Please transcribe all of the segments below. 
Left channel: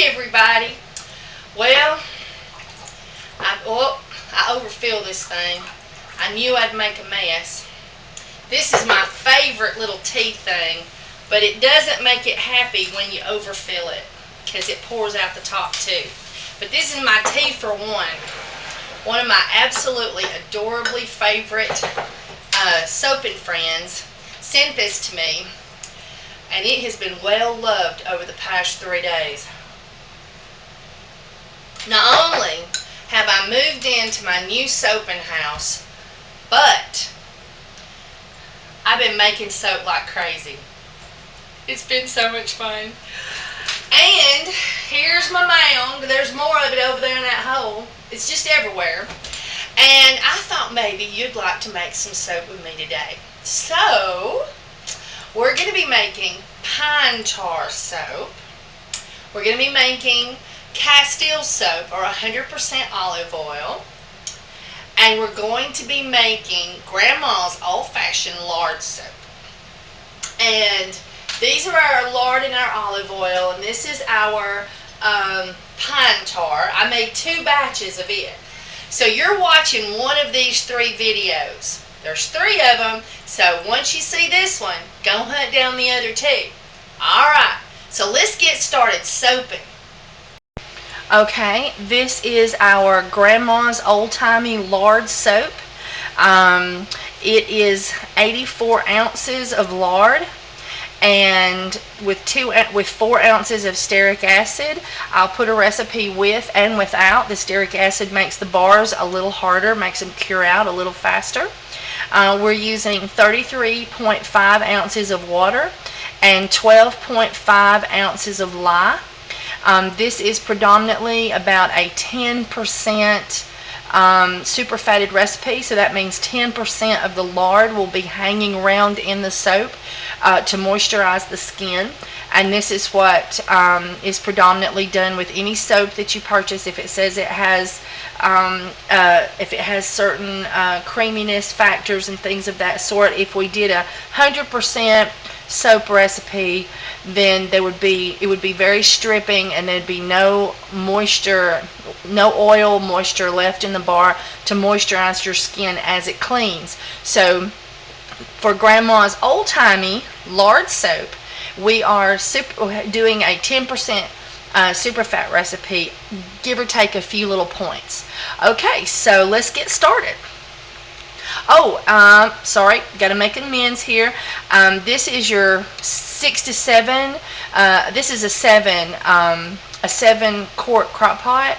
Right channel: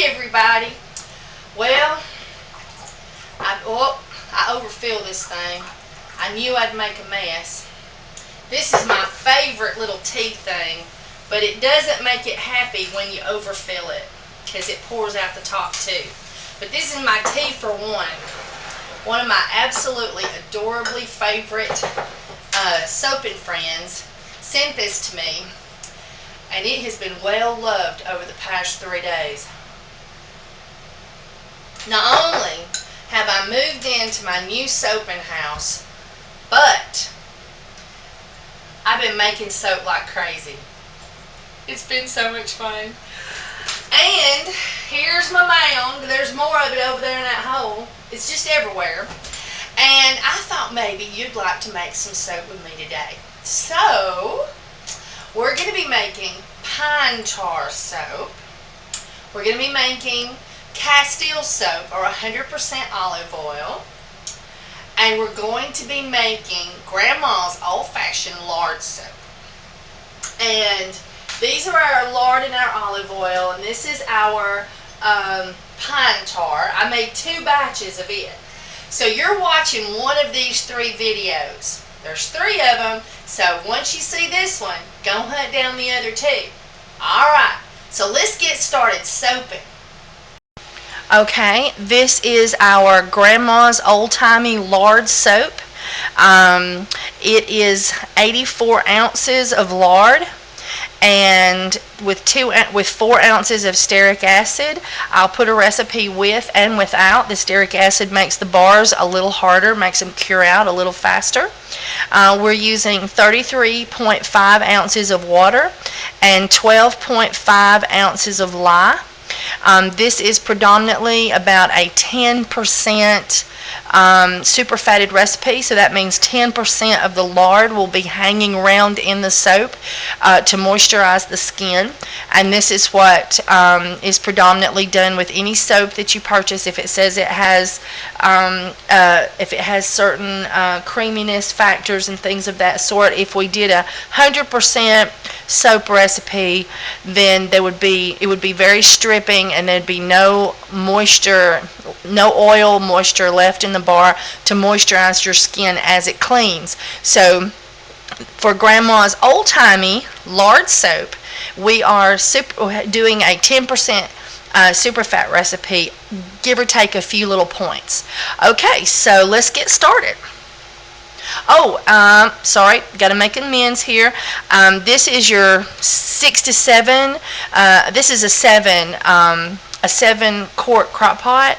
Hey everybody. Well, I overfill this thing. I knew I'd make a mess. This is my favorite little tea thing, but it doesn't make it happy when you overfill it because it pours out the top too. But this is my tea for one. One of my absolutely adorably favorite soap and friends sent this to me, and it has been well loved over the past 3 days. Not only have I moved into my new soaping house, but I've been making soap like crazy. It's been so much fun. And here's my mound. There's more of it over there in that hole. It's just everywhere. And I thought maybe you'd like to make some soap with me today. So, we're going to be making pine tar soap. We're going to be making Castile soap, or 100% olive oil. And we're going to be making Grandma's old-fashioned lard soap. And these are our lard and our olive oil, and this is our pine tar. I made 2 batches of it. So you're watching one of these 3 videos. There's 3 of them, so once you see this one, go hunt down the other 2. Alright, so let's get started soaping. Okay, this is our Grandma's old-timey lard soap. It is 84 ounces of lard, and with 4 ounces of stearic acid. I'll put a recipe with and without. The stearic acid makes the bars a little harder, makes them cure out a little faster. We're using 33.5 ounces of water and 12.5 ounces of lye. This is predominantly about a 10% superfatted recipe, so that means 10% of the lard will be hanging around in the soap to moisturize the skin. And this is what is predominantly done with any soap that you purchase. If it says it has certain creaminess factors and things of that sort, if we did 100% soap recipe, then it would be very stripping, and there'd be no moisture, no oil moisture left in the bar to moisturize your skin as it cleans. So for Grandma's old-timey lard soap, we are doing a 10% superfat recipe, give or take a few little points. Okay, so let's get started. Oh, sorry, got to make amends here. This is your 6 to 7. This is a 7 quart crock pot,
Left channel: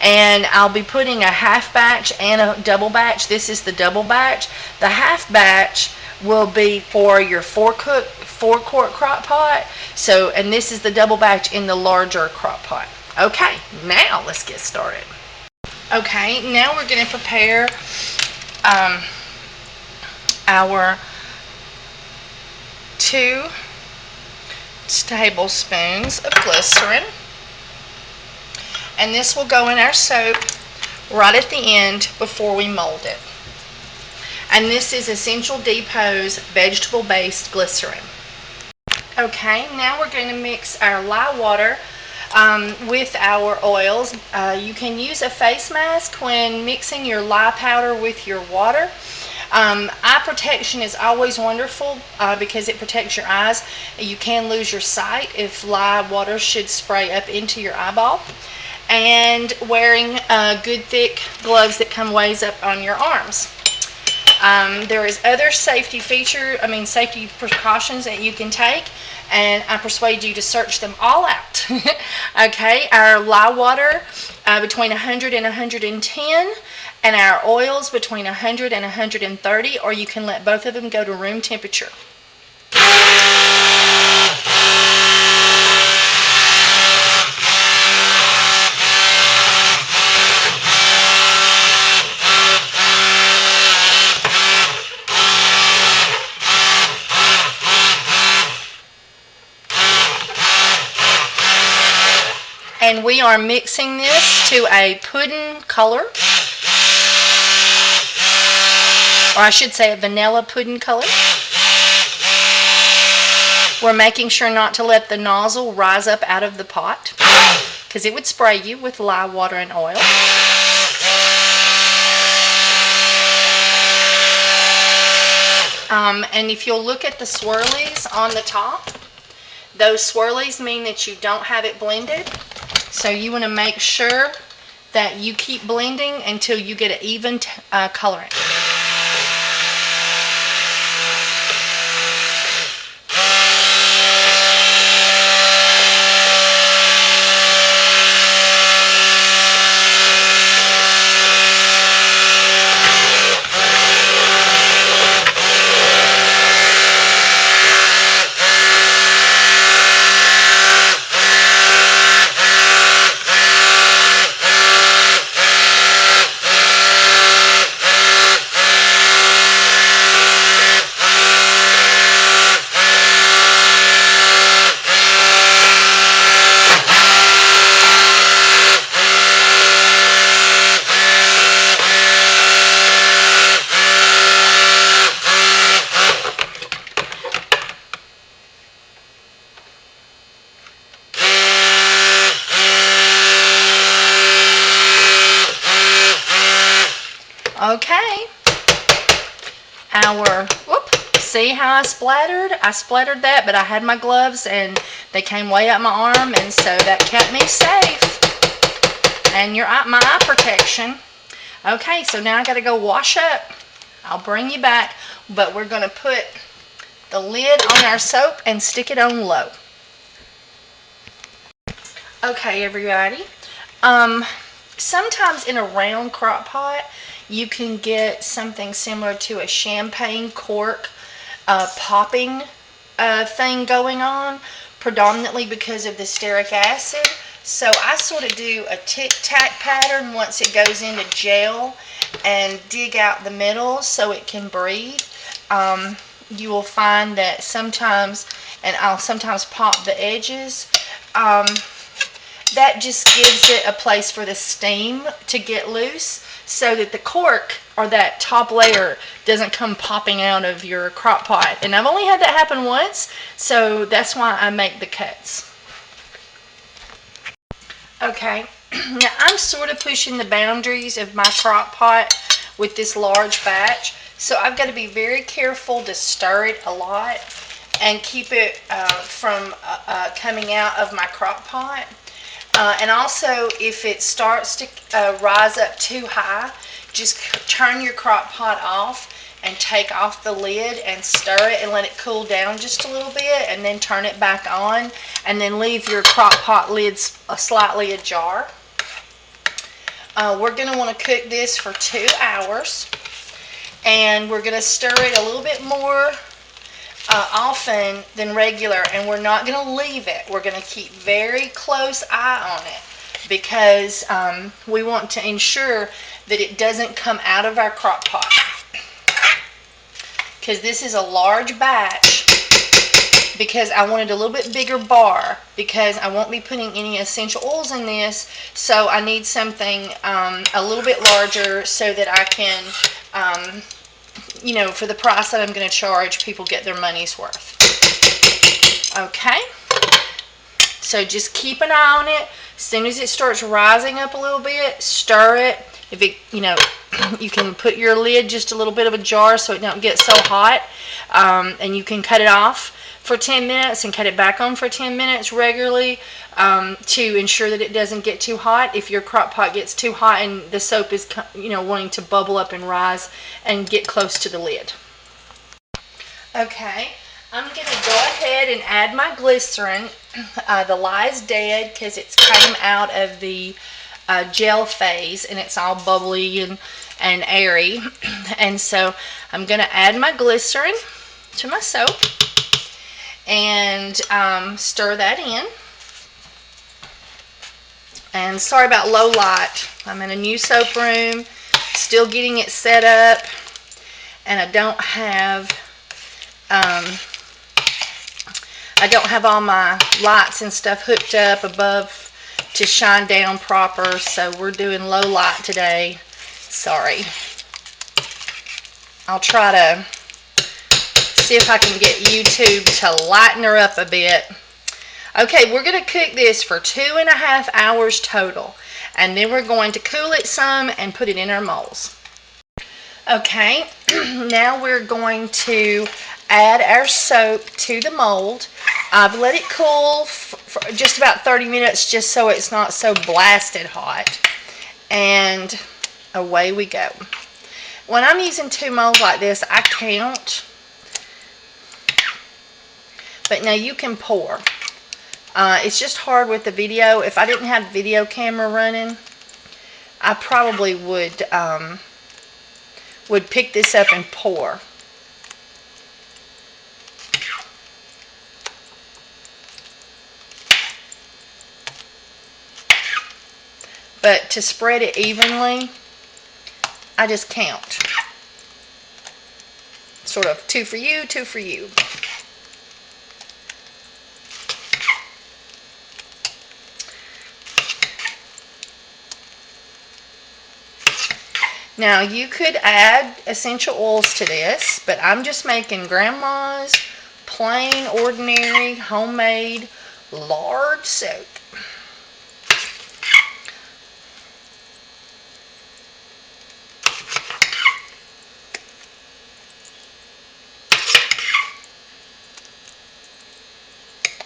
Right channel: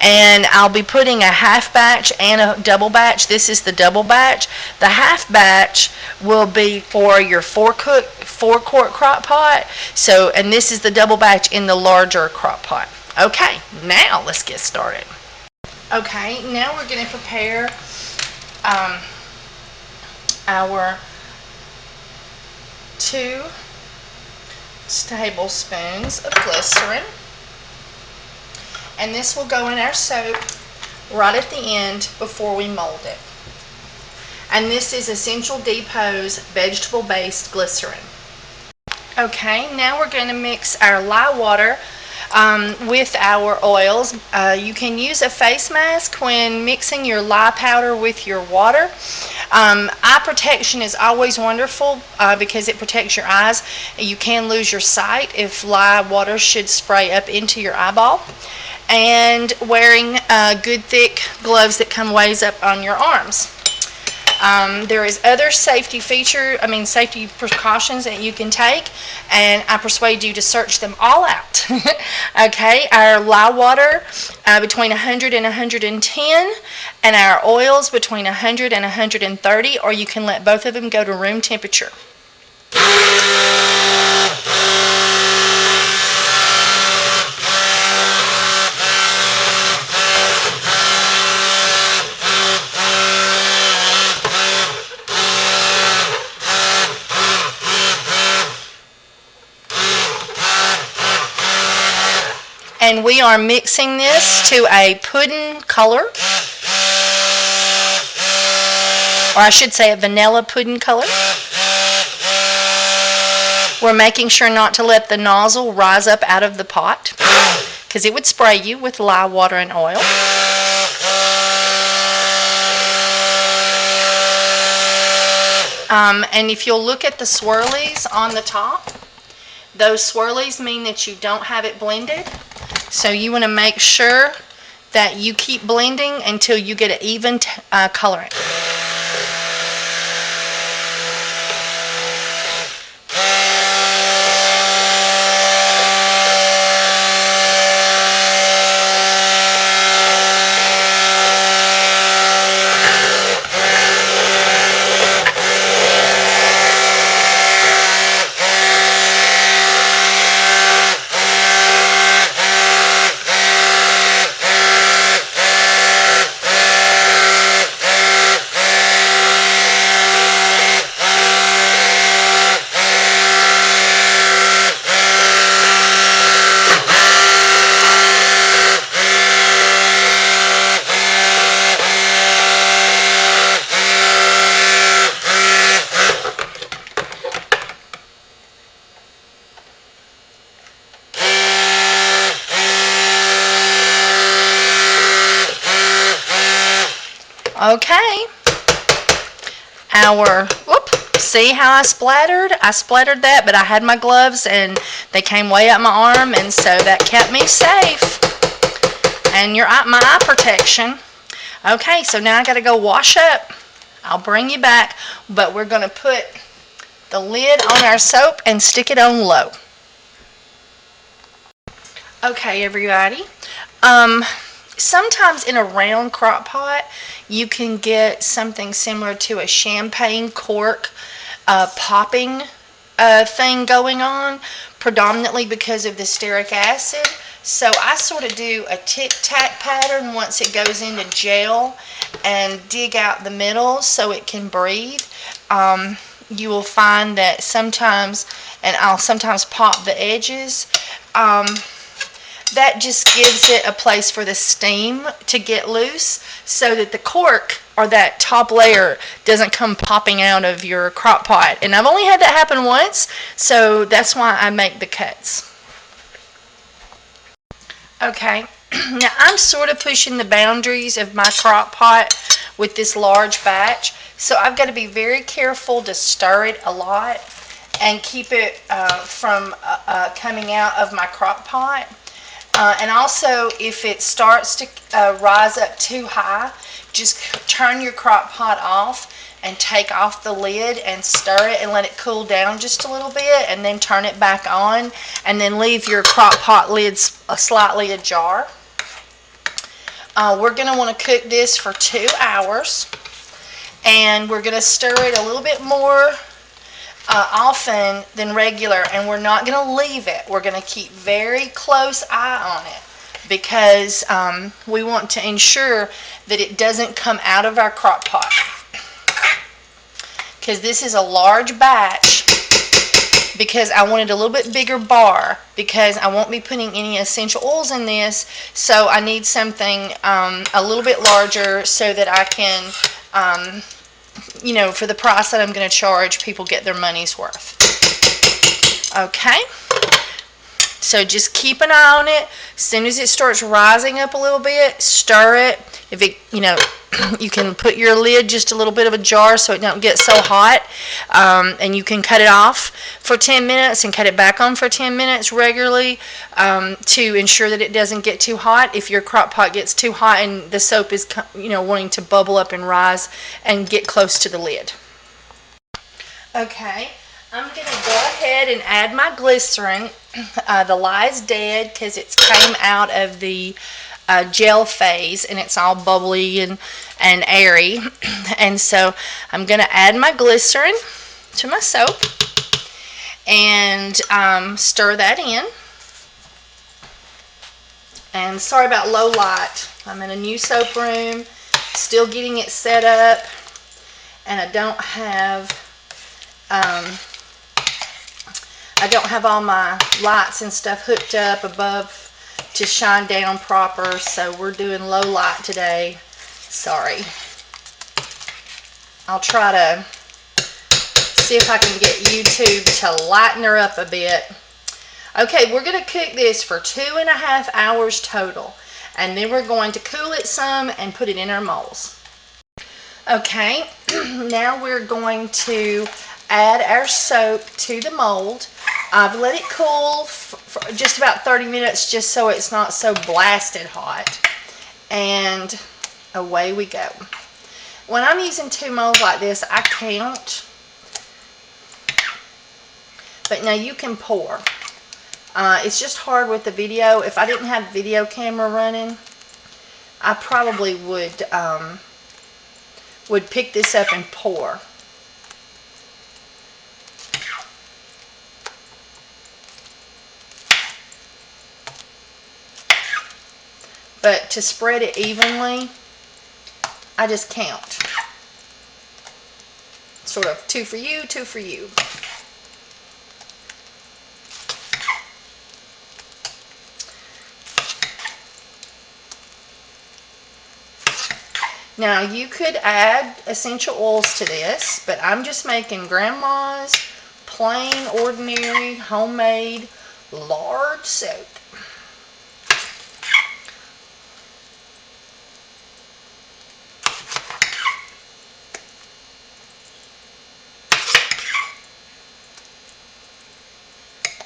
and I'll be putting a half batch and a double batch. This is the double batch. The half batch will be for your 4 quart crock pot. So, and this is the double batch in the larger crock pot. Okay, now let's get started. Okay, now we're going to prepare our 2 tablespoons of glycerin, and this will go in our soap right at the end before we mold it. And this is Essential Depot's vegetable-based glycerin. Okay, now we're going to mix our lye water with our oils. You can use a face mask when mixing your lye powder with your water. Eye protection is always wonderful because it protects your eyes. You can lose your sight if lye water should spray up into your eyeball. And wearing good thick gloves that come ways up on your arms. There is other safety precautions that you can take, and I persuade you to search them all out. Okay, our lye water between 100 and 110, and our oils between 100 and 130, or you can let both of them go to room temperature. And we are mixing this to a pudding color, or I should say a vanilla pudding color. We're making sure not to let the nozzle rise up out of the pot. because it would spray you with lye, water, and oil. And if you'll look at the swirlies on the top, those swirlies mean that you don't have it blended. So you want to make sure that you keep blending until you get an even coloring. Okay, see how I splattered? I splattered that, but I had my gloves and they came way up my arm, and so that kept me safe. And my eye protection. Okay, so now I gotta go wash up. I'll bring you back, but we're gonna put the lid on our soap and stick it on low. Okay, everybody. Sometimes in a round crock pot, you can get something similar to a champagne cork popping thing going on, predominantly because of the stearic acid. So I sort of do a tic-tac pattern once it goes into gel and dig out the middle so it can breathe. You will find that sometimes, and I'll sometimes pop the edges, that just gives it a place for the steam to get loose so that the cork or that top layer doesn't come popping out of your crock pot. And I've only had that happen once, so that's why I make the cuts. Okay, now I'm sort of pushing the boundaries of my crock pot with this large batch, so I've got to be very careful to stir it a lot and keep it from coming out of my crock pot. And also, if it starts to rise up too high, just turn your crock pot off and take off the lid and stir it and let it cool down just a little bit, and then turn it back on, and then leave your crock pot lid slightly ajar. We're going to want to cook this for 2 hours, and we're going to stir it a little bit more often than regular, and we're not going to leave it. We're going to keep very close eye on it because we want to ensure that it doesn't come out of our crock pot, because this is a large batch, because I wanted a little bit bigger bar, because I won't be putting any essential oils in this, so I need something a little bit larger so that I can you know, for the price that I'm going to charge, people get their money's worth. Okay, so just keep an eye on it. As soon as it starts rising up a little bit, stir it. If it, you know, you can put your lid just a little bit of a jar so it don't get so hot, and you can cut it off for 10 minutes and cut it back on for 10 minutes regularly to ensure that it doesn't get too hot. If your crock pot gets too hot and the soap is, you know, wanting to bubble up and rise and get close to the lid. Okay, I'm going to go ahead and add my glycerin. The lye is dead because it's came out of the gel phase and it's all bubbly and airy. And so I'm going to add my glycerin to my soap and stir that in. And sorry about low light. I'm in a new soap room, still getting it set up, and I don't have all my lights and stuff hooked up above to shine down proper, so we're doing low light today. Sorry. I'll try to see if I can get YouTube to lighten her up a bit. Okay, we're going to cook this for 2.5 hours total. And then we're going to cool it some and put it in our molds. Okay, now we're going to add our soap to the mold. I've let it cool for just about 30 minutes just so it's not so blasted hot. And away we go. When I'm using 2 molds like this, I count. But now you can pour. It's just hard with the video. If I didn't have the video camera running, I probably would pick this up and pour. But to spread it evenly, I just count. Sort of 2 for you, 2 for you. Now you could add essential oils to this, but I'm just making Grandma's plain, ordinary, homemade lard soap.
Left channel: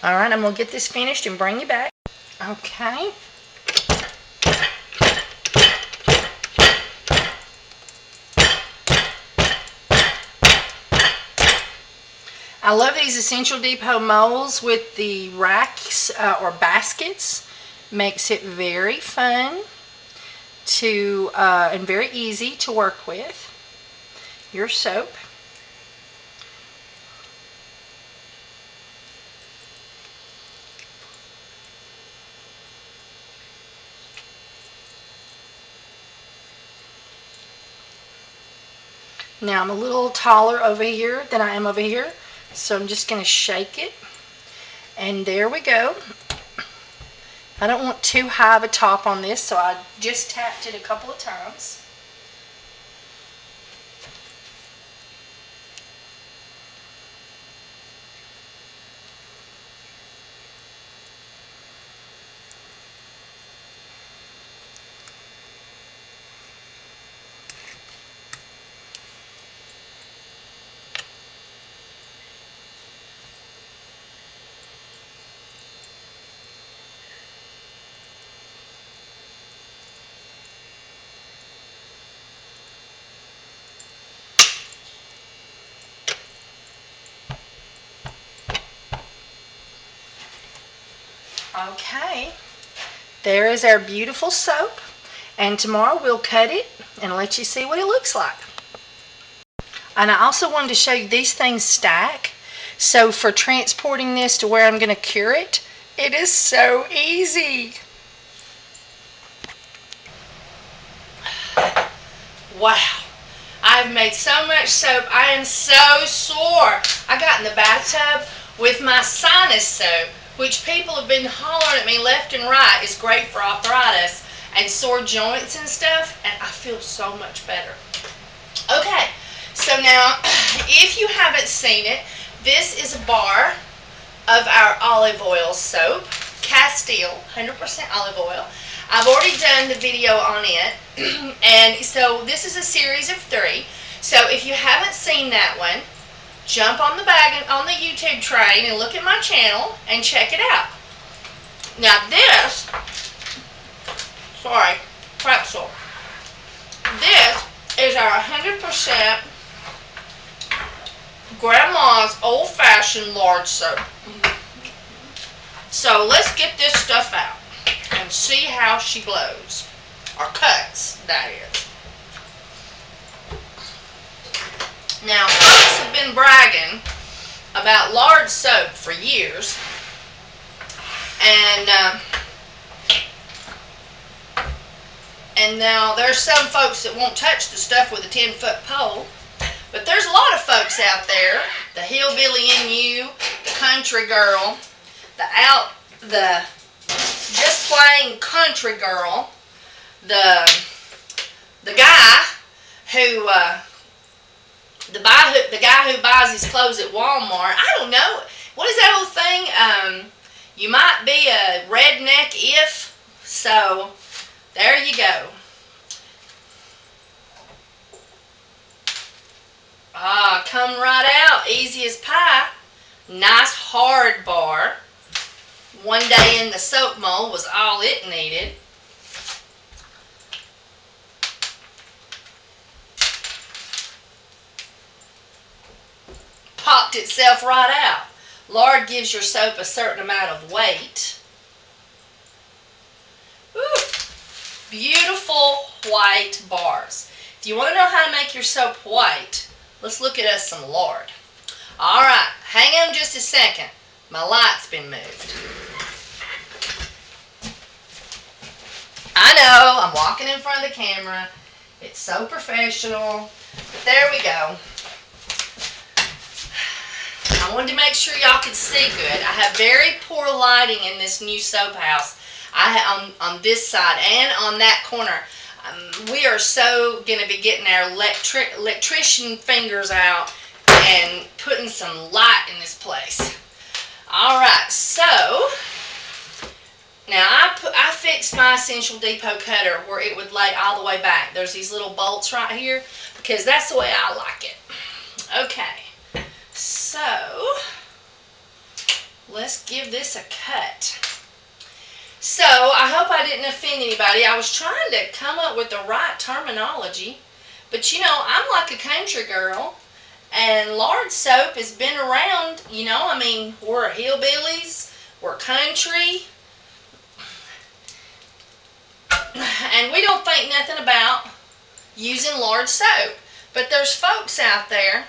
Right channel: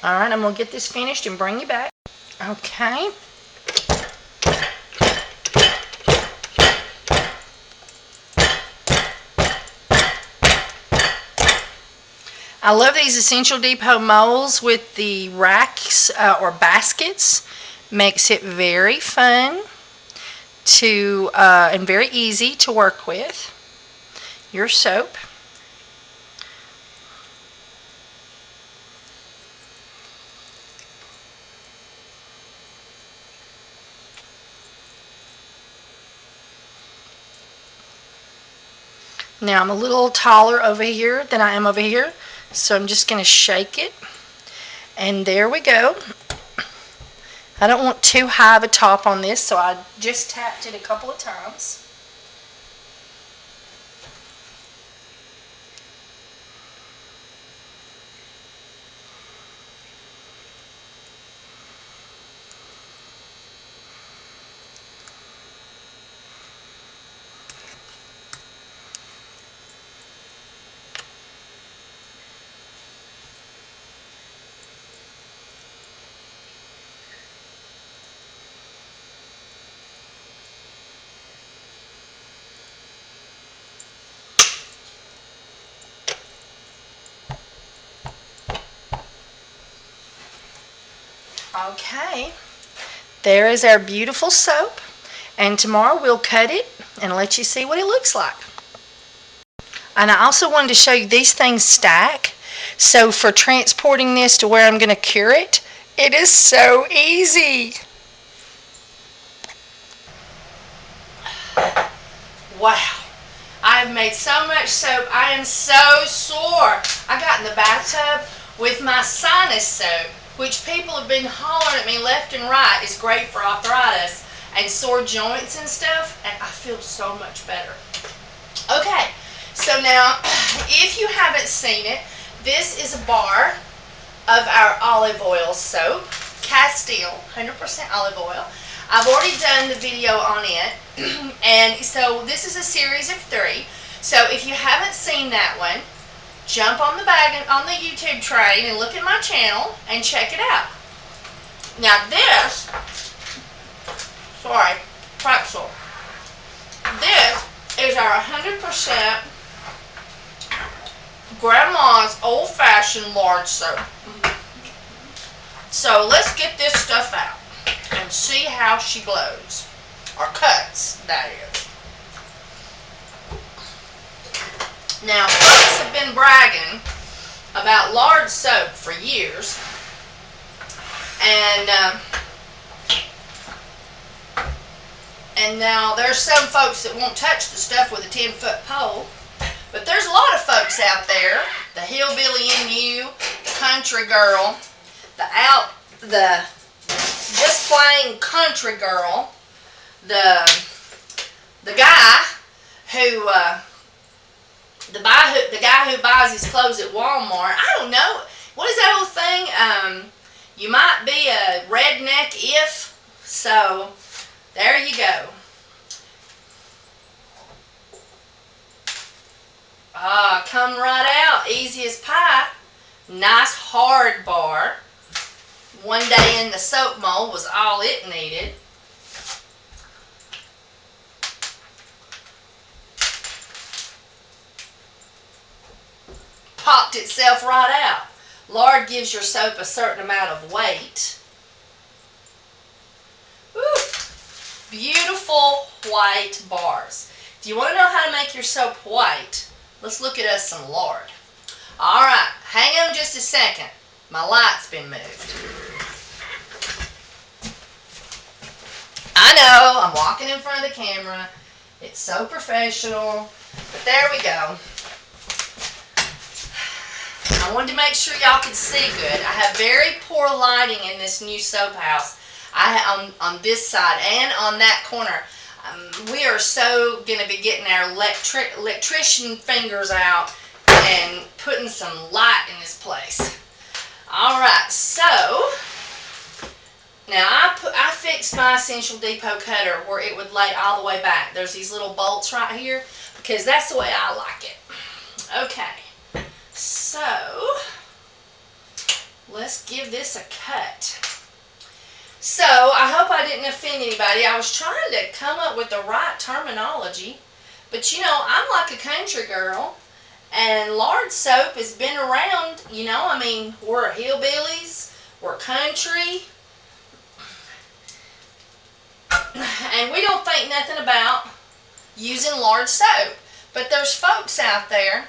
Alright, I'm going to get this finished and bring you back. Okay. I love these Essential Depot molds with the racks or baskets. Makes it very fun to and very easy to work with. Your soap. Now I'm a little taller over here than I am over here, so I'm just going to shake it, and there we go. I don't want too high of a top on this, so I just tapped it a couple of times. Okay, there is our beautiful soap, and tomorrow we'll cut it and let you see what it looks like. And I also wanted to show you these things stack, so for transporting this to where I'm going to cure it, it is so easy. Wow, I've made so much soap. I am so sore. I got in the bathtub with my sinus soap, which people have been hollering at me left and right is great for arthritis and sore joints and stuff, and I feel so much better. Okay, so now if you haven't seen it, this is a bar of our olive oil soap, Castile, 100% olive oil. I've already done the video on it, and so this is a series of 3. So if you haven't seen that one, jump on the YouTube train and look at my channel and check it out. Now this, sorry, pretzel. This is our 100% Grandma's old-fashioned lard soap. So let's get this stuff out and see how she glows, or cuts, that is. Now, folks have been bragging about lard soap for years, and now there's some folks that won't touch the stuff with a 10-foot pole, but there's a lot of folks out there, the hillbilly in you, the country girl, the just plain country girl, the guy who the guy who buys his clothes at Walmart. I don't know. What is that old thing? You might be a redneck if, so there you go. Ah, come right out, easy as pie. Nice hard bar. One day in the soap mold was all it needed. Popped itself right out. Lard gives your soap a certain amount of weight. Ooh, beautiful white bars. If you want to know how to make your soap white, let's look at us some lard. Alright, hang on just a second. My light's been moved. I know, I'm walking in front of the camera. It's so professional. But there we go. I wanted to make sure y'all could see good. I have very poor lighting in this new soap house. On this side and on that corner. We are so going to be getting our electrician fingers out and putting some light in this place. Alright, so now I fixed my Essential Depot cutter where it would lay all the way back. There's these little bolts right here because that's the way I like it. Okay, so let's give this a cut. So, I hope I didn't offend anybody. I was trying to come up with the right terminology. But, you know, I'm like a country girl. And lard soap has been around, you know. I mean, we're hillbillies. We're country. And we don't think nothing about using lard soap. But there's folks out there.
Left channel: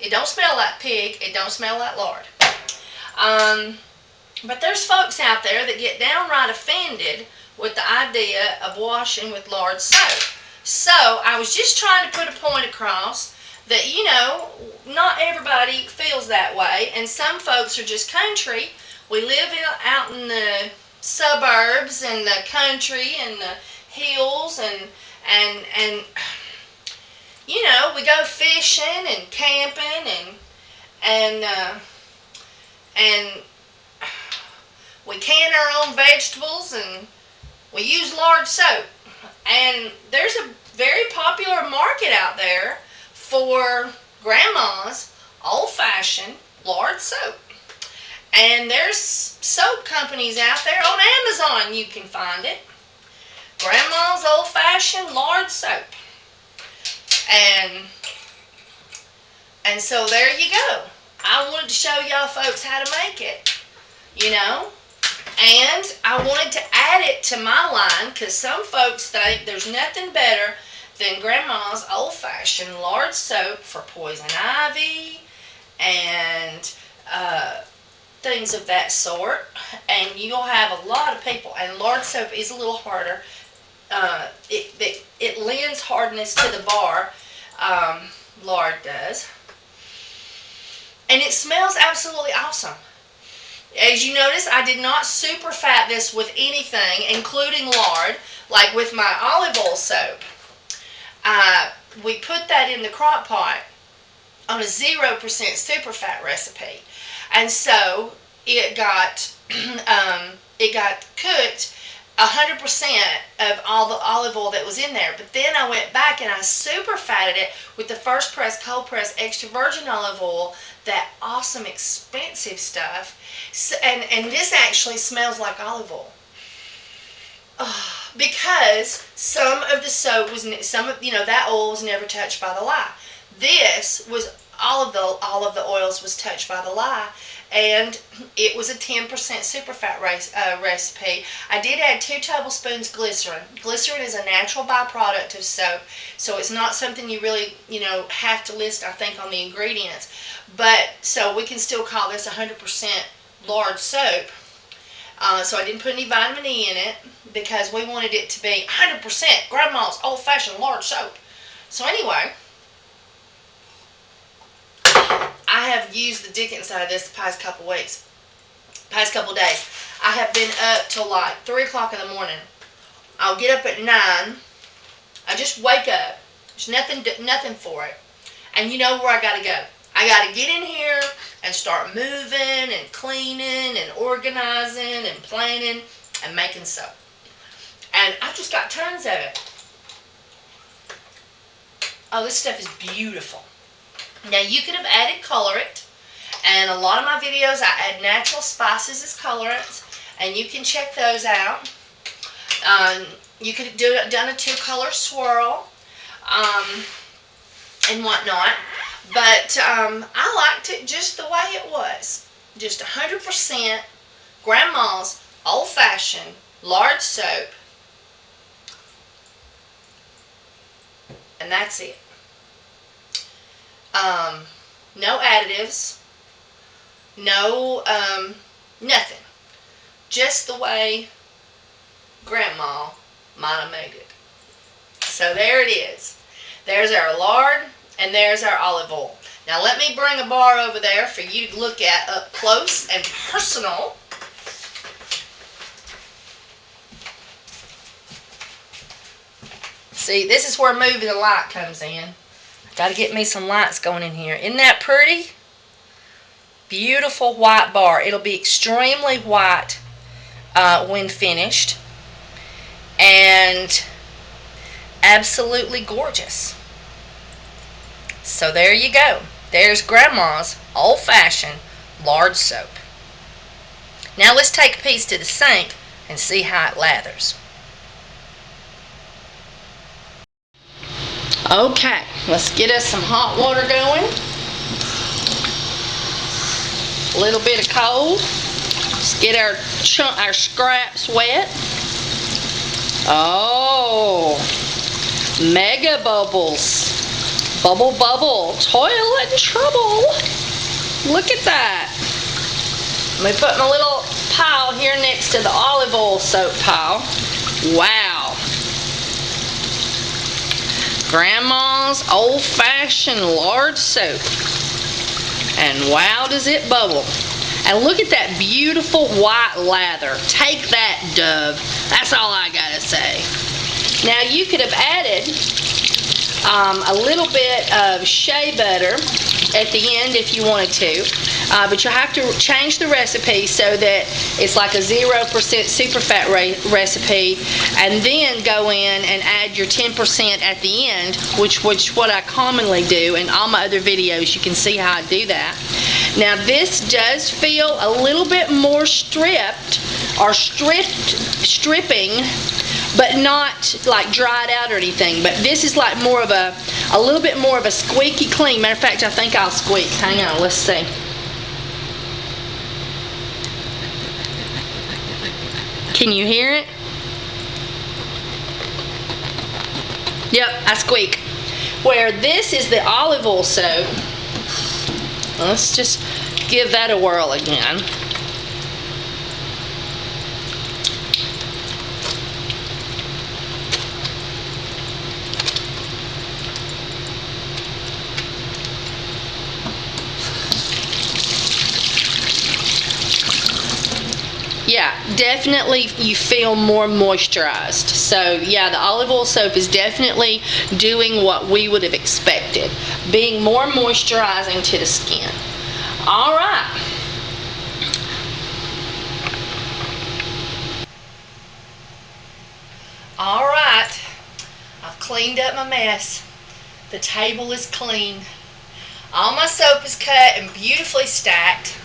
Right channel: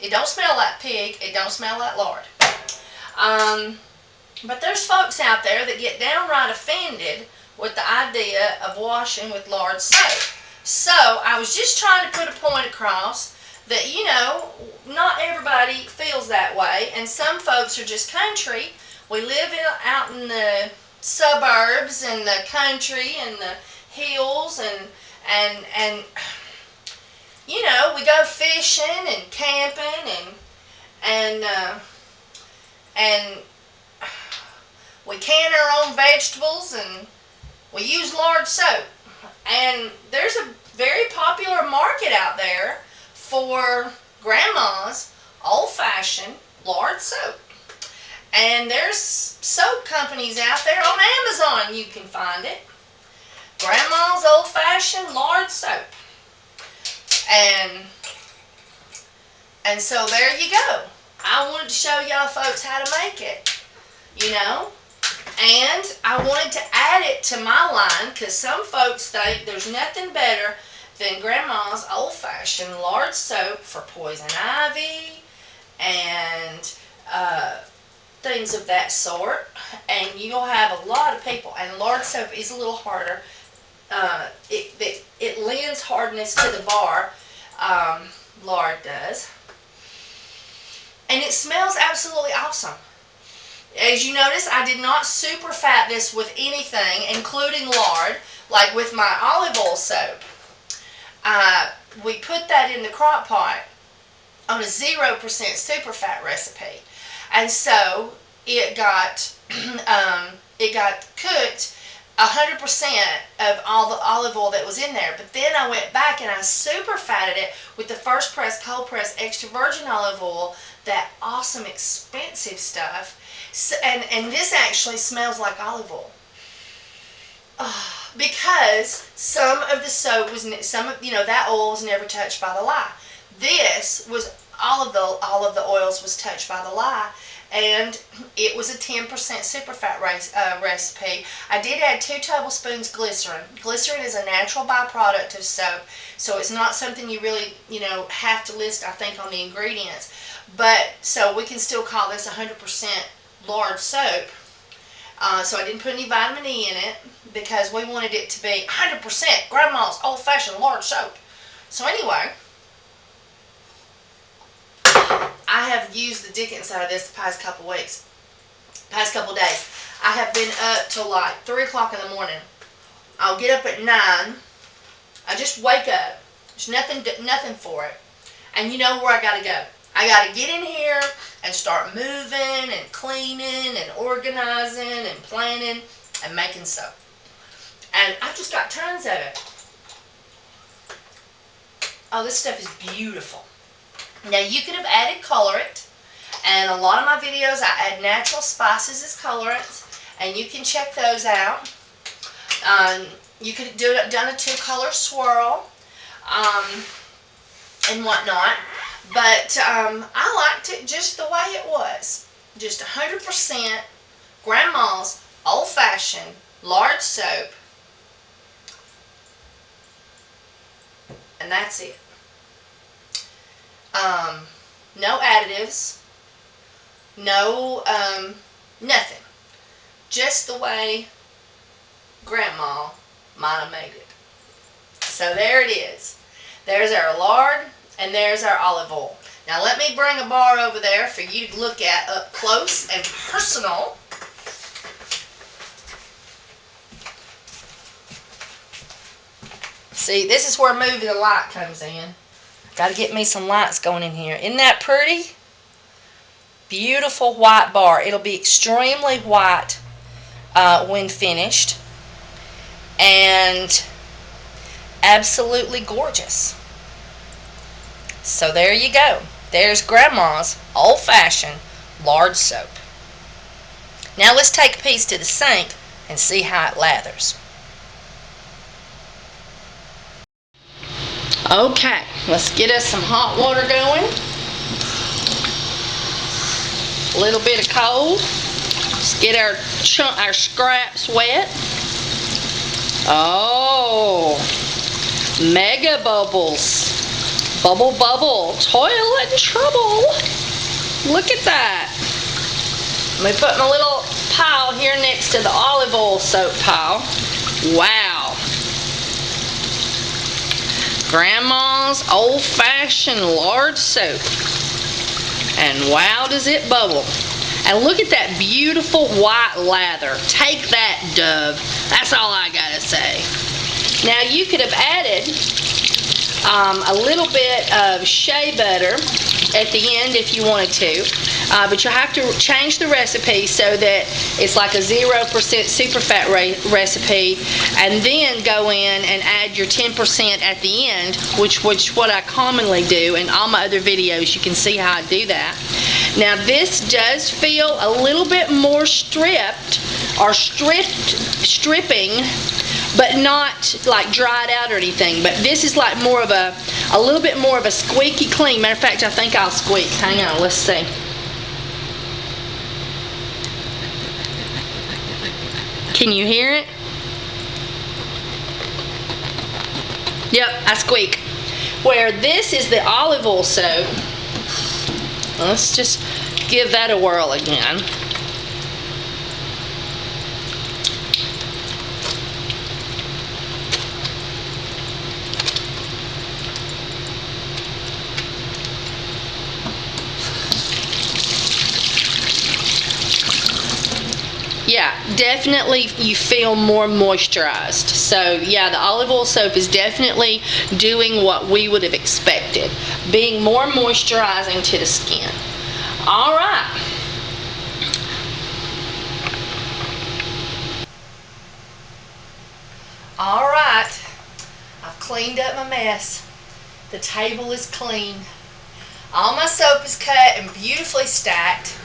It don't smell like pig. It don't smell like lard. But there's folks out there that get downright offended with the idea of washing with lard soap. So, I was just trying to put a point across that, you know, not everybody feels that way, and some folks are just country. We live out in the suburbs and the country and the hills and you know, we go fishing and camping and we can our own vegetables and we use lard soap. And there's a very popular market out there for grandma's old-fashioned lard soap. And there's soap companies out there. On Amazon you can find it. Grandma's old-fashioned lard soap. And so there you go. I wanted to show y'all folks how to make it, you know. And I wanted to add it to my line because some folks think there's nothing better than Grandma's old-fashioned lard soap for poison ivy and things of that sort. And you'll have a lot of people. And lard soap is a little harder. It lends hardness to the bar. Lard does. And it smells absolutely awesome. As you notice, I did not superfat this with anything, including lard, like with my olive oil soap. We put that in the crock pot on a 0% superfat recipe. And so it got cooked 100% of all the olive oil that was in there. But then I went back and I superfatted it with the first press, cold press, extra virgin olive oil, that awesome expensive stuff. So, and this actually smells like olive oil. Because some of the soap was, that oil was never touched by the lye. This was, all of the oils was touched by the lye. And it was a 10% superfat recipe. I did add 2 tablespoons glycerin. Glycerin is a natural byproduct of soap, so it's not something you really, have to list, I think, on the ingredients. But, so we can still call this 100% lard soap. So I didn't put any vitamin E in it because we wanted it to be 100% Grandma's old-fashioned lard soap. So anyway, I have used the dickens out of this the past couple weeks, past couple days. I have been up till like 3 o'clock in the morning. I'll get up at 9. I just wake up. There's nothing for it. And you know where I gotta go. I got to get in here and start moving and cleaning and organizing and planning and making soap. And I've just got tons of it. Oh, this stuff is beautiful. Now, you could have added colorant. And a lot of my videos, I add natural spices as colorants. And you can check those out. You could have done a 2-color swirl and whatnot. But I liked it just the way it was. Just 100% Grandma's old-fashioned lard soap. And that's it. No additives. No, nothing. Just the way Grandma might have made it. So there it is. There's our lard and there's our olive oil. Now let me bring a bar over there for you to look at up close and personal. See, this is where moving the light comes in. Got to get me some lights going in here. Isn't that pretty? Beautiful white bar. It'll be extremely white when finished. And absolutely gorgeous. So there you go. There's Grandma's old-fashioned lard soap. Now let's take a piece to the sink and see how it lathers. Okay, let's get us some hot water going. A little bit of cold. Let's get our scraps wet. Oh, mega bubbles. Bubble, bubble, toilet trouble. Look at that. Let me put my little pile here next to the olive oil soap pile. Wow. Grandma's old-fashioned lard soap. And wow, does it bubble. And look at that beautiful white lather. Take that, Dove. That's all I gotta say. Now you could have added a little bit of shea butter at the end if you wanted to, but you'll have to change the recipe so that it's like a 0% superfat recipe, and then go in and add your 10% at the end, which what I commonly do. In all my other videos you can see how I do that. Now this does feel a little bit more stripped or stripping, but not like dried out or anything. But this is like more of a little bit more of a squeaky clean. Matter of fact, I think I'll squeak. Hang on, let's see. Can you hear it? Yep, I squeak. Where this is the olive oil soap. Let's just give that a whirl again. Yeah, definitely you feel more moisturized. So yeah, the olive oil soap is definitely doing what we would have expected, being more moisturizing to the skin. All right. All right, I've cleaned up my mess. The table is clean. All my soap is cut and beautifully stacked.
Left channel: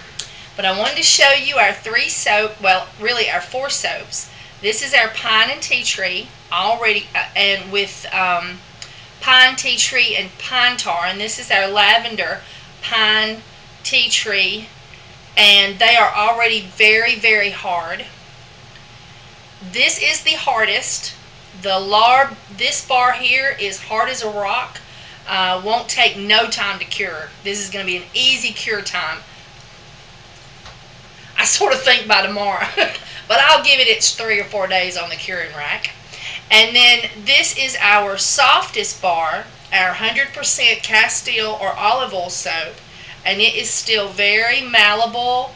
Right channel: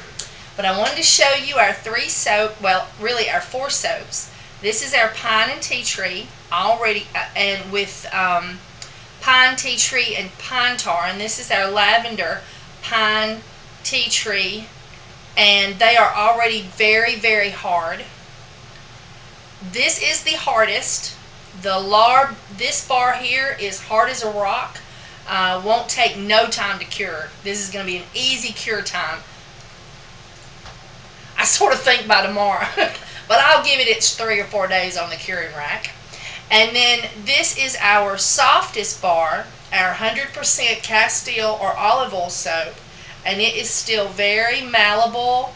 But I wanted to show you our 3 soap, well, really our 4 soaps. This is our pine and tea tree, already, and with pine, tea tree, and pine tar. And this is our lavender, pine, tea tree, and they are already very, very hard. This is the hardest. The lard, this bar here is hard as a rock. Won't take no time to cure. This is going to be an easy cure time. I sort of think by tomorrow, but I'll give it its 3 or 4 days on the curing rack. And then this is our softest bar, our 100% Castile or olive oil soap, and it is still very malleable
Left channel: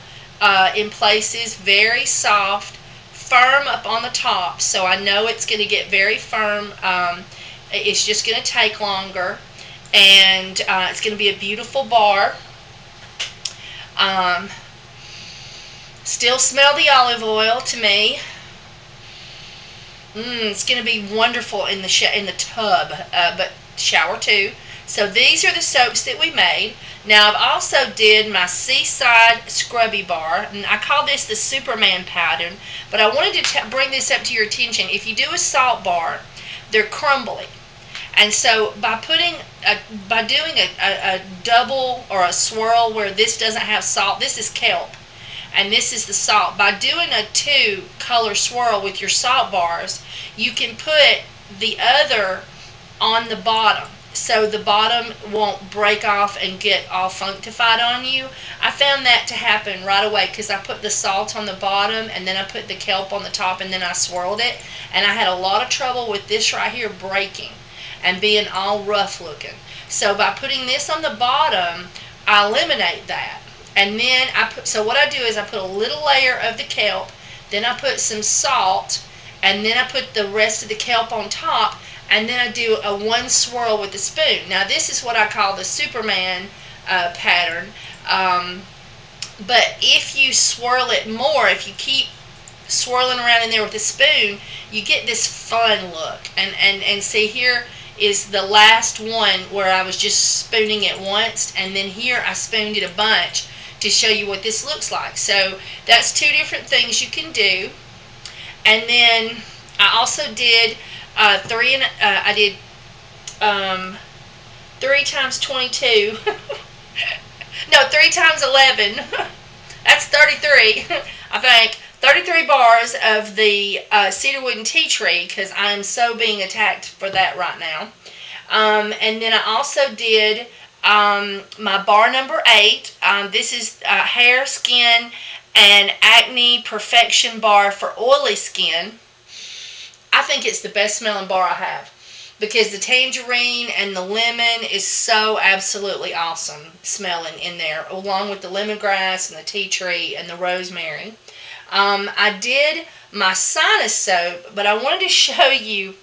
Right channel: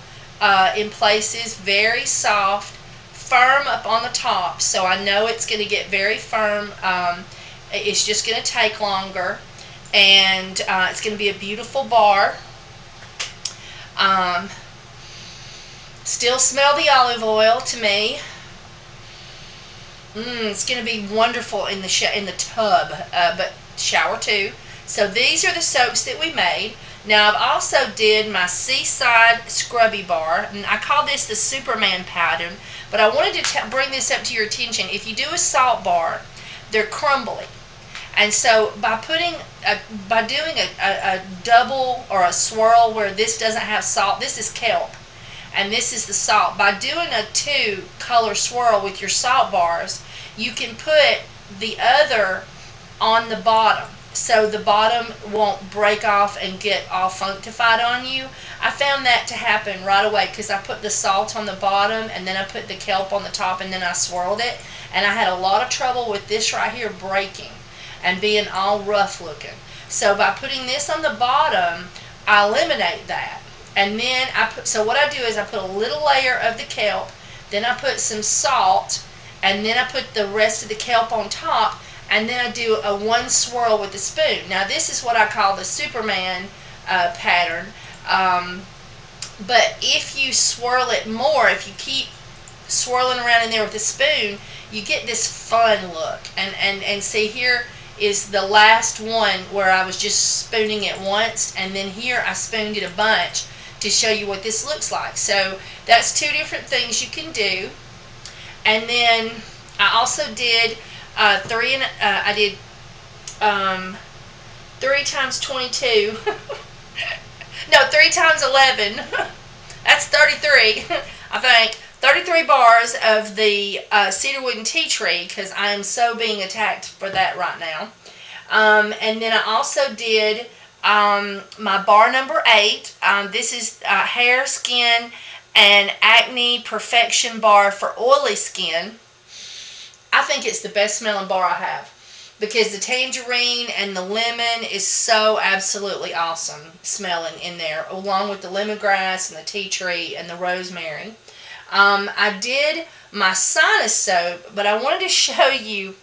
in places, very soft, firm up on the top. So I know it's going to get very firm. It's just going to take longer, and it's going to be a beautiful bar. Um, Still smell the olive oil to me. It's going to be wonderful in the tub, but shower too. So these are the soaps that we made. Now I've also did my Seaside Scrubby Bar, and I call this the Superman pattern. But I wanted to bring this up to your attention. If you do a salt bar, they're crumbly. And so by doing a double or a swirl where this doesn't have salt, this is kelp, and this is the salt. By doing a 2-color swirl with your salt bars, you can put the other on the bottom, so the bottom won't break off and get all functified on you. I found that to happen right away because I put the salt on the bottom and then I put the kelp on the top and then I swirled it, and I had a lot of trouble with this right here breaking and being all rough looking. So by putting this on the bottom, I eliminate that. And then so what I do is I put a little layer of the kelp, then I put some salt, and then I put the rest of the kelp on top, and then I do a 1 swirl with the spoon. Now this is what I call the Superman pattern. But if you swirl it more, if you keep swirling around in there with the spoon, you get this fun look. And see, here is the last one where I was just spooning it once, and then here I spooned it a bunch to show you what this looks like. So that's 2 different things you can do. And then I also did 3 times 22. No, 3 times 11. That's 33. I think 33 bars of the cedarwood and tea tree, because I am so being attacked for that right now. And then I also did my bar number 8. This is hair, skin, and acne perfection bar for oily skin. I think it's the best smelling bar I have, because the tangerine and the lemon is so absolutely awesome smelling in there, along with the lemongrass and the tea tree and the rosemary. I did my sinus soap, but I wanted to show you,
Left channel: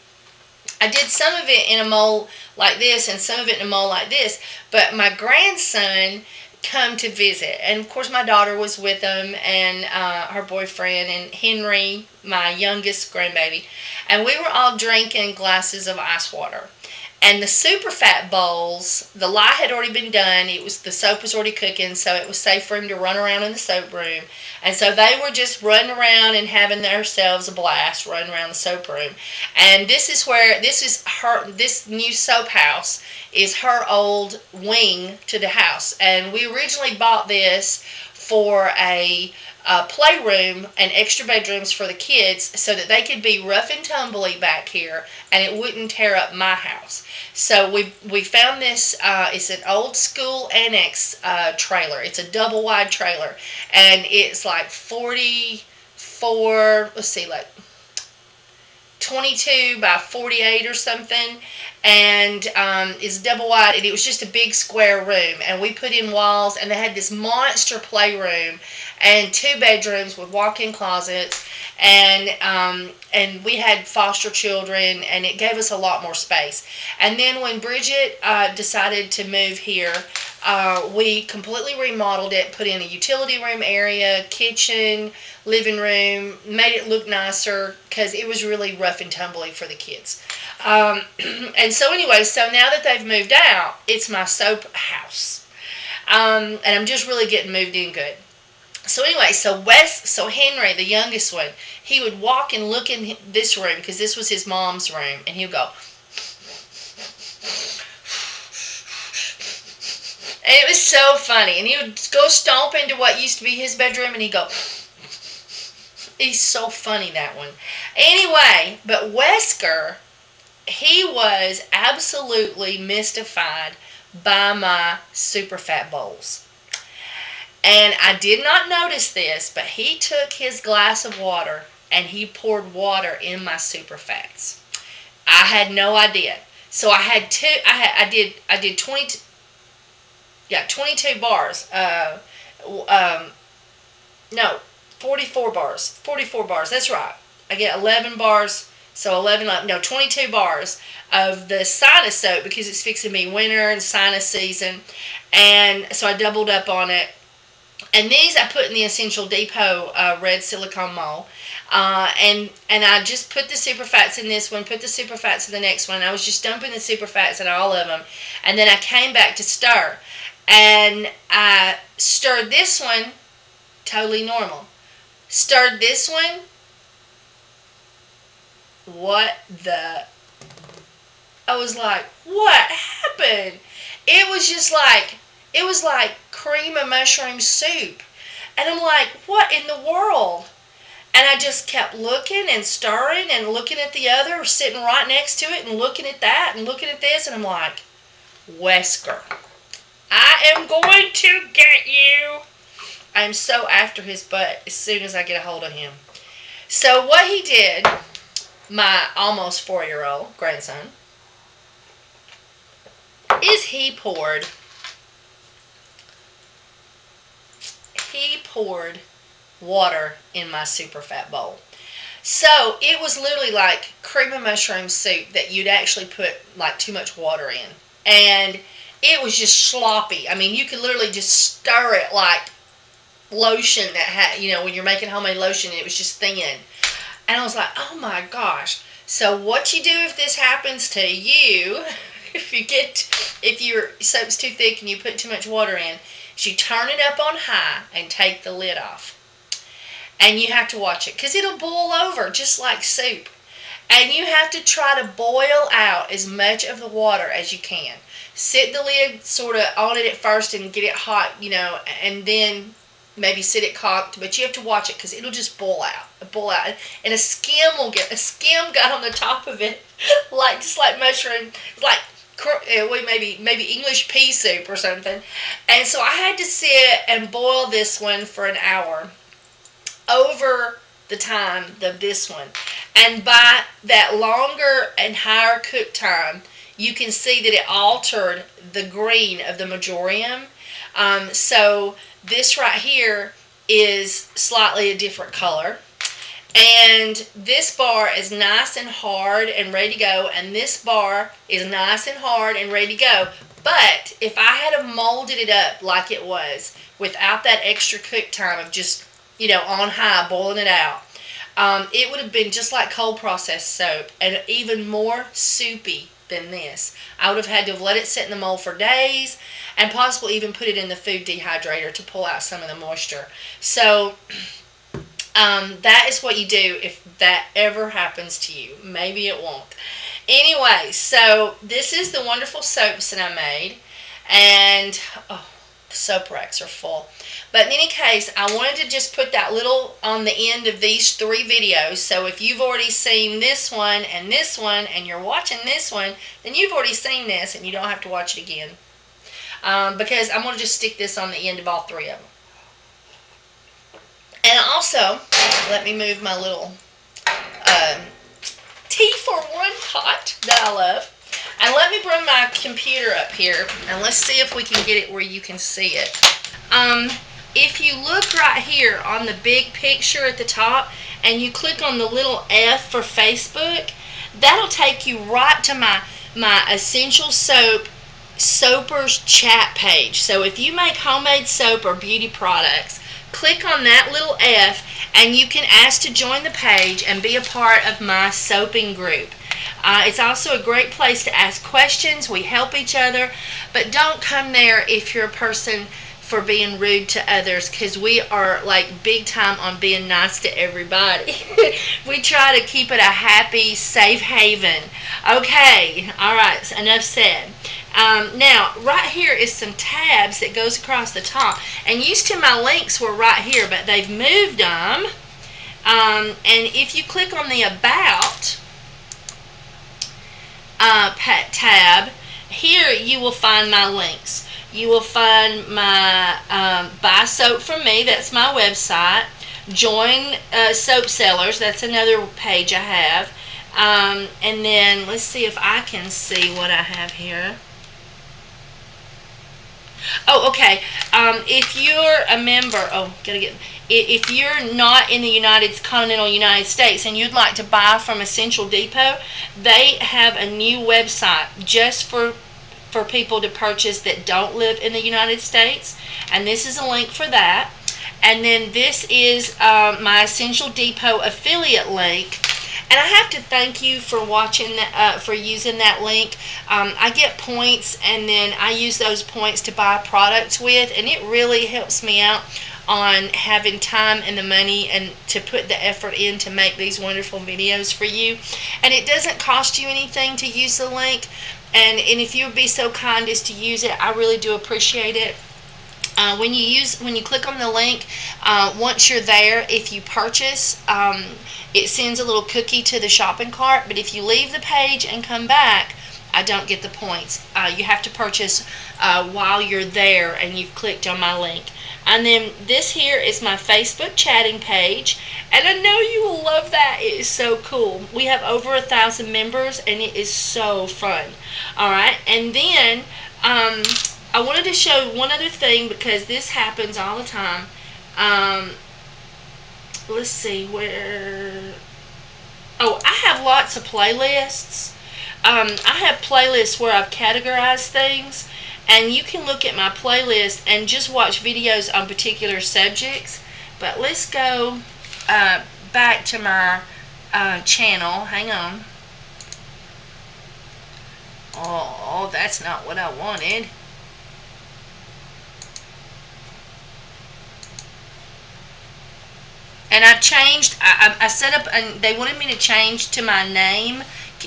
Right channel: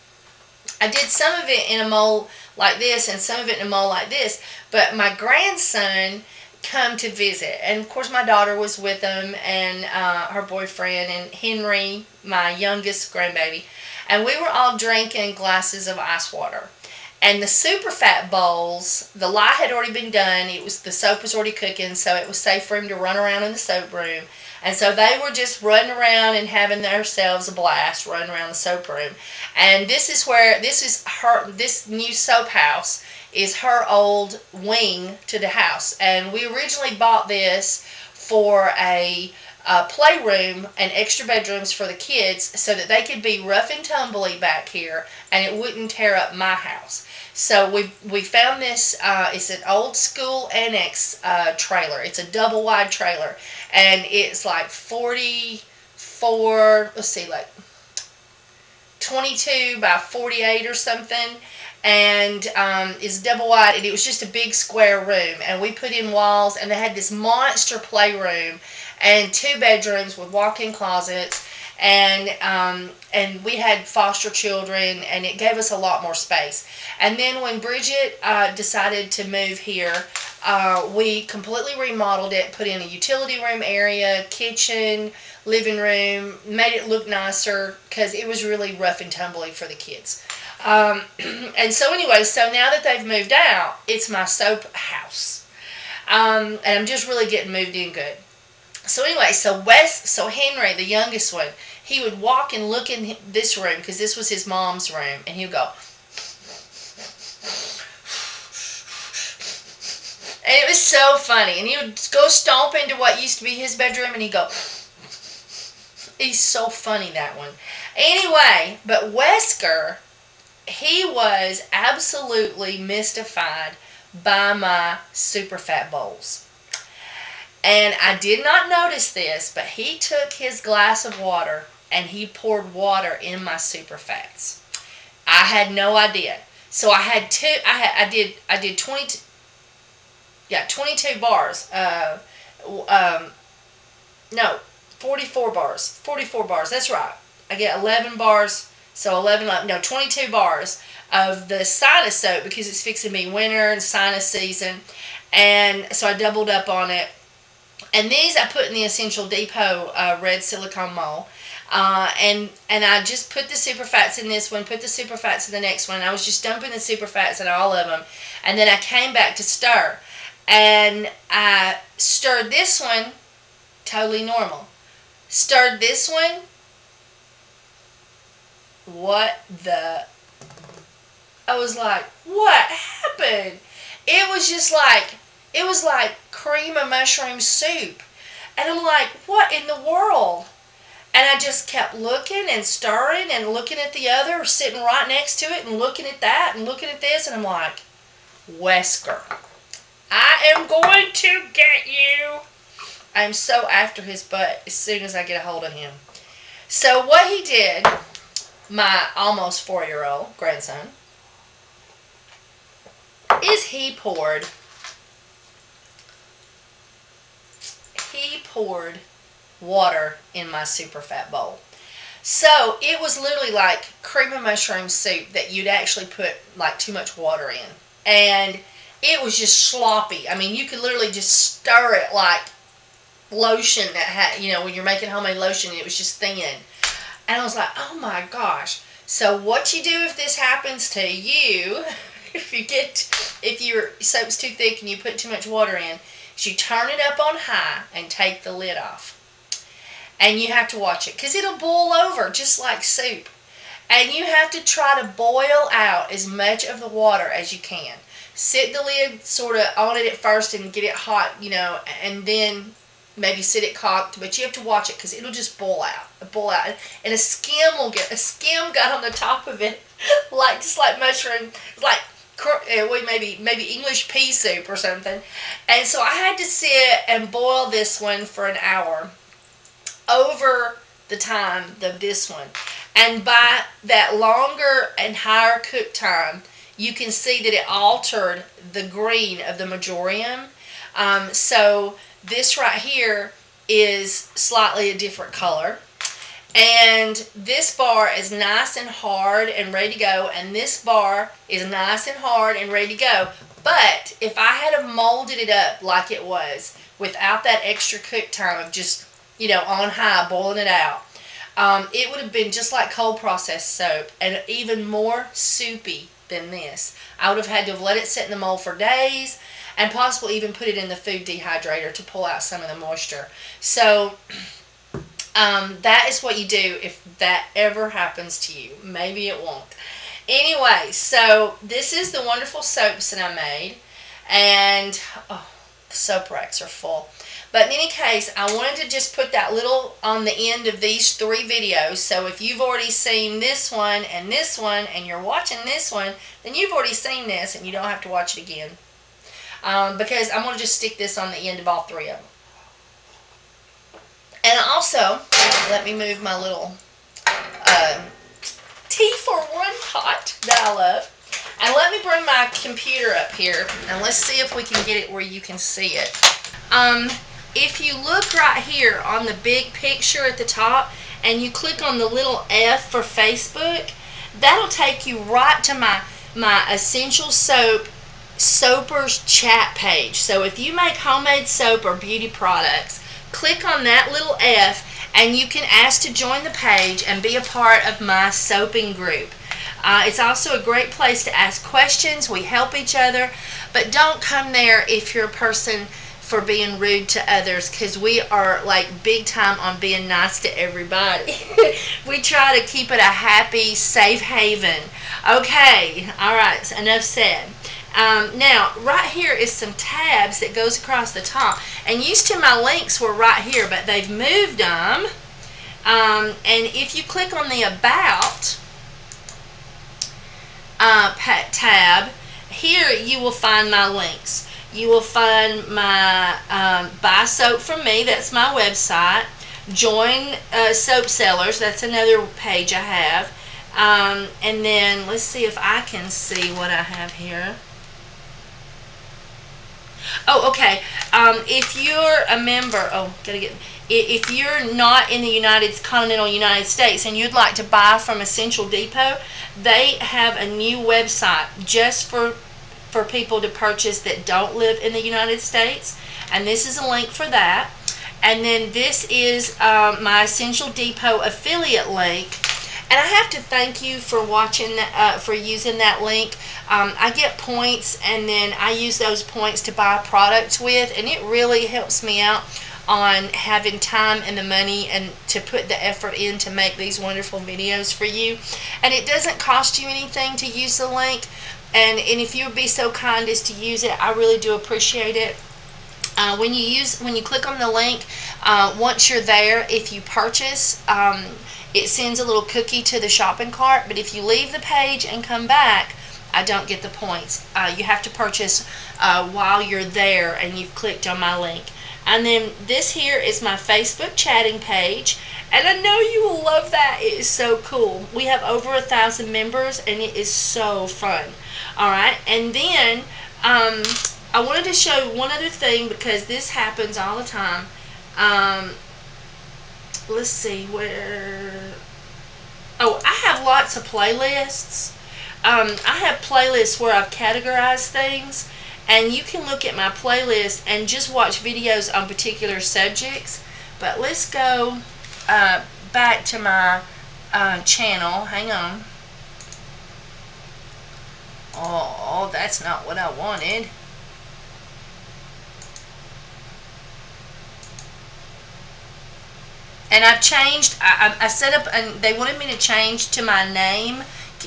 I did some of it in a mold like this and some of it in a mold like this, but my grandson come to visit, and of course my daughter was with them, and her boyfriend, and Henry, my youngest grandbaby, and we were all drinking glasses of ice water. And the superfat bowls, the lye had already been done. The soap was already cooking, so it was safe for him to run around in the soap room. And so they were just running around and having themselves a blast running around the soap room. And this new soap house is her old wing to the house. And we originally bought this for a playroom and extra bedrooms for the kids, so that they could be rough and tumbly back here and it wouldn't tear up my house. So we found this. It's an old school annex trailer. It's a double wide trailer, and it's like 44, let's see, like 22 by 48 or something, and it's double wide, and it was just a big square room, and we put in walls, and they had this monster playroom and 2 bedrooms with walk-in closets, and we had foster children, and it gave us a lot more space. And then when Bridget decided to move here, we completely remodeled it, put in a utility room area, kitchen, living room, made it look nicer, because it was really rough and tumbly for the kids. And so anyway, so now that they've moved out, it's my soap house. And I'm just really getting moved in good. So anyway, so Henry, the youngest one, he would walk and look in this room, because this was his mom's room, and he would go, and it was so funny. And he would go stomp into what used to be his bedroom, and he'd go, he's so funny, that one. Anyway, but Wesker, he was absolutely mystified by my superfat bowls. And I did not notice this, but he took his glass of water and he poured water in my superfats. I had no idea. So I had I did 22 bars. No, 44 bars. 44 bars. That's right. I get 11 bars. So 22 bars of the sinus soap, because it's fixing to be winter and sinus season. And so I doubled up on it. And these I put in the Essential Depot red silicone mold. And I just put the superfats in this one, put the superfats in the next one. I was just dumping the superfats in all of them. And then I came back to stir. And I stirred this one, totally normal. Stirred this one, what the... I was like, what happened? It was just like, it was like cream of mushroom soup. And I'm like, what in the world? And I just kept looking and stirring and looking at the other, sitting right next to it and looking at that and looking at this. And I'm like, Wesker, I am going to get you. I'm so after his butt as soon as I get a hold of him. So what he did, my almost 4-year-old grandson, is he poured water in my superfat bowl. So it was literally like cream of mushroom soup that you'd actually put like too much water in. And it was just sloppy. I mean, you could literally just stir it like lotion that had, you know, when you're making homemade lotion, it was just thin. And I was like, oh my gosh. So what you do if this happens to you, if your soap's too thick and you put too much water in, is you turn it up on high and take the lid off. And you have to watch it because it'll boil over just like soup. And you have to try to boil out as much of the water as you can. Sit the lid sort of on it at first and get it hot, you know, and then maybe sit it cocked, but you have to watch it because it'll just boil out, and a skim got on the top of it, like just like mushroom, like maybe English pea soup or something. And so I had to sit and boil this one for an hour over the time of this one. And by that longer and higher cook time, you can see that it altered the green of the majorium. So this right here is slightly a different color. And this bar is nice and hard and ready to go. And this bar is nice and hard and ready to go. But if I had molded it up like it was, without that extra cook time of just, you know, on high, boiling it out, it would have been just like cold processed soap and even more soupy than this. I would have had to have let it sit in the mold for days and possibly even put it in the food dehydrator to pull out some of the moisture. So that is what you do if that ever happens to you. Maybe it won't. Anyway, so this is the wonderful soaps that I made. And oh, the soap racks are full. But in any case, I wanted to just put that little on the end of these 3 videos. So if you've already seen this one, and you're watching this one, then you've already seen this and you don't have to watch it again. Because I'm going to just stick this on the end of all 3 of them. And also, let me move my little tea-for-one pot that I love. And let me bring my computer up here, and let's see if we can get it where you can see it. If you look right here on the big picture at the top, and you click on the little F for Facebook, that'll take you right to my Essential Soap Soapers chat page. So if you make homemade soap or beauty products, click on that little F, and you can ask to join the page and be a part of my soaping group. It's also a great place to ask questions. We help each other, but don't come there if you're a person for being rude to others, because we are like big time on being nice to everybody. We try to keep it a happy, safe haven. Okay, all right, so enough said. Now, right here is some tabs that goes across the top. And used to my links were right here, but they've moved them. And if you click on the About tab, here you will find my links. You will find my Buy Soap From Me, that's my website. Join Soap Sellers, that's another page I have. And then let's see if I can see what I have here. Oh, okay. If you're a member, if you're not in the continental United States and you'd like to buy from Essential Depot, they have a new website just for people to purchase that don't live in the United States. and this is a link for that. And then this is my Essential Depot affiliate link. And I have to thank you for watching that, for using that link. I get points, and then I use those points to buy products with, and it really helps me out on having time and the money and to put the effort in to make these wonderful videos for you. And it doesn't cost you anything to use the link, and if you would be so kind as to use it, I really do appreciate it. When you click on the link, once you're there, if you purchase, it sends a little cookie to the shopping cart, but if you leave the page and come back, I don't get the points. You have to purchase while you're there and you've clicked on my link. And then this here is my Facebook chatting page, and I know you will love that. It is so cool. We have over 1,000 members, and it is so fun. Alright, and then I wanted to show one other thing, because this happens all the time. Let's see where. Oh, I have lots of playlists. I have playlists where I've categorized things, and you can look at my playlist and just watch videos on particular subjects. But let's go back to my channel. Hang on. Oh, that's not what I wanted. And I've changed, I set up, and they wanted me to change to my name,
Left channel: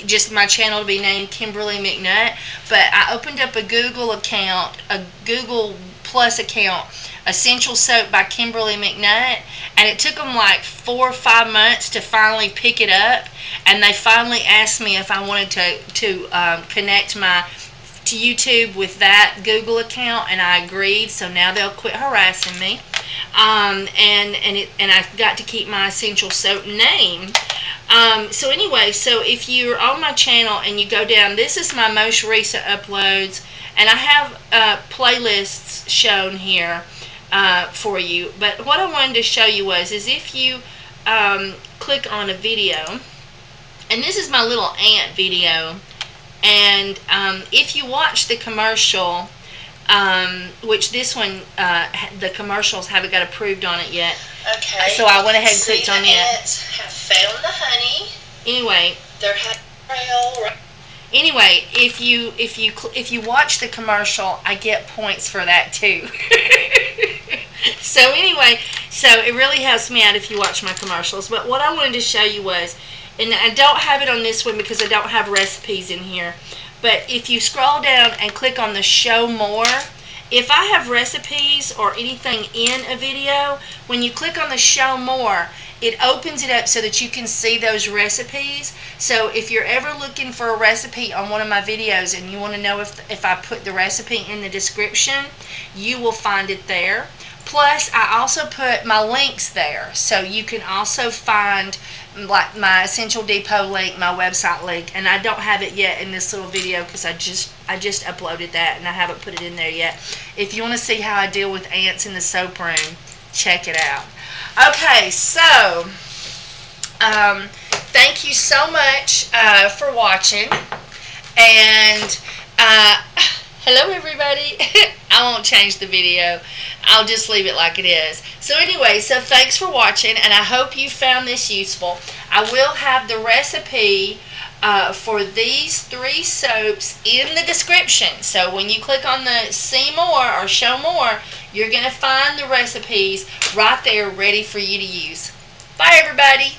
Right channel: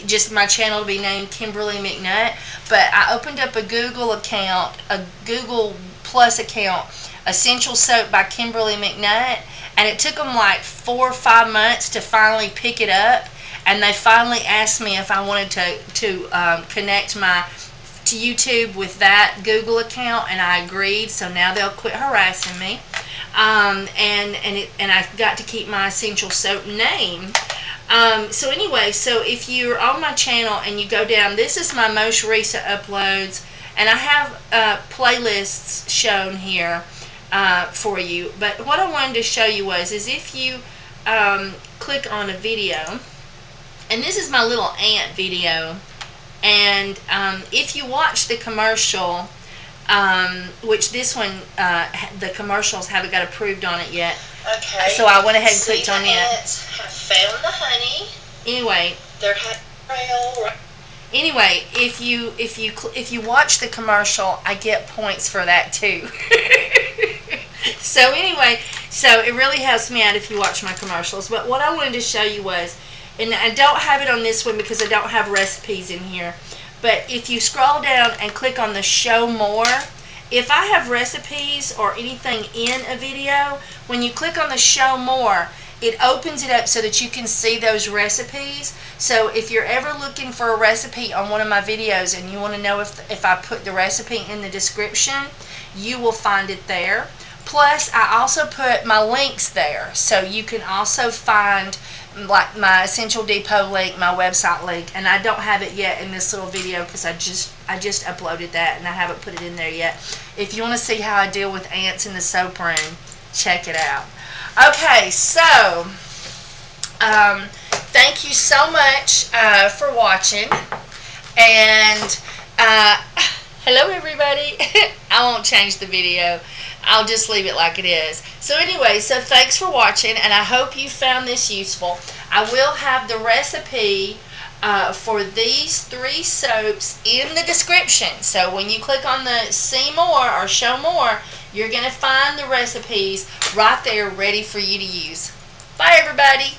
just my channel to be named Kimberly McNutt, but I opened up a Google account, a Google Plus account, Essential Soap by Kimberly McNutt, and it took them like 4 or 5 months to finally pick it up, and they finally asked me if I wanted to connect to YouTube with that Google account, and I agreed, so now they'll quit harassing me. And I've got to keep my Essential Soap name. So anyway, so if you're on my channel and you go down, this is my most recent uploads, and I have playlists shown here for you. But what I wanted to show you is if you click on a video, and this is my little ant video, and if you watch the commercial, which this one, the commercials haven't got approved on it yet. Okay. So I went ahead and clicked on it. Ants have found the honey. Anyway. They're trail. Anyway, if you watch the commercial, I get points for that too. So anyway, so it really helps me out if you watch my commercials. But what I wanted to show you was, and I don't have it on this one because I don't have recipes in here, but if you scroll down and click on the show more, if I have recipes or anything in a video, when you click on the show more, it opens it up so that you can see those recipes. So if you're ever looking for a recipe on one of my videos and you want to know if I put the recipe in the description, you will find it there. Plus, I also put my links there, so you can also find like my Essential Depot link, my website link, and I don't have it yet in this little video because I just uploaded that and I haven't put it in there yet. If you want to see how I deal with ants in the soap room, check it out. Okay, so thank you so much for watching, and hello everybody. I won't change the video. I'll just leave it like it is. So anyway, so thanks for watching, and I hope you found this useful. I will have the recipe for these 3 soaps in the description. So when you click on the see more or show more, you're going to find the recipes right there ready for you to use. Bye everybody.